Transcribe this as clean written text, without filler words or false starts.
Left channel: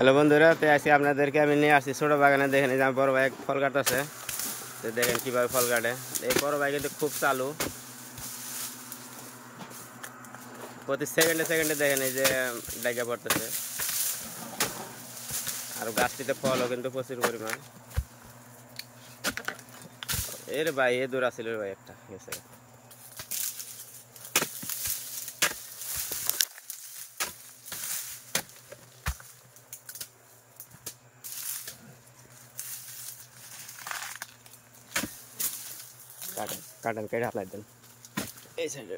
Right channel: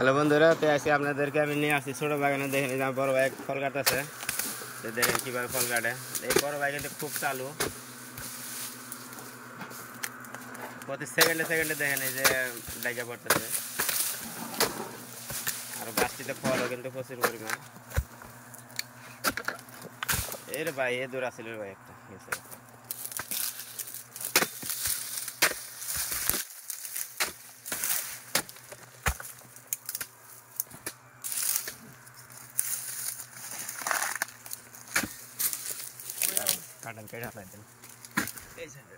হ্যালো বন্ধুরা, তো আজকে আপনাদেরকে আমি নিয়ে আসছি ছোটো বাগানে। দেখেন এই যে আমার বড় ভাই ফল কাটতেছে। তো দেখেন কীভাবে ফল কাটে। এই বড় ভাই কিন্তু খুব চালু, প্রতি সেকেন্ডে সেকেন্ডে দেখেন এই যে ডাইকা পড়তেছে। আর গাছটিতে ফলও কিন্তু প্রচুর পরিমাণ। এর ভাই এ দূর আসছিল ভাই একটা গেছে। কাটেন কেটে হালাই দেন এই সাইডে।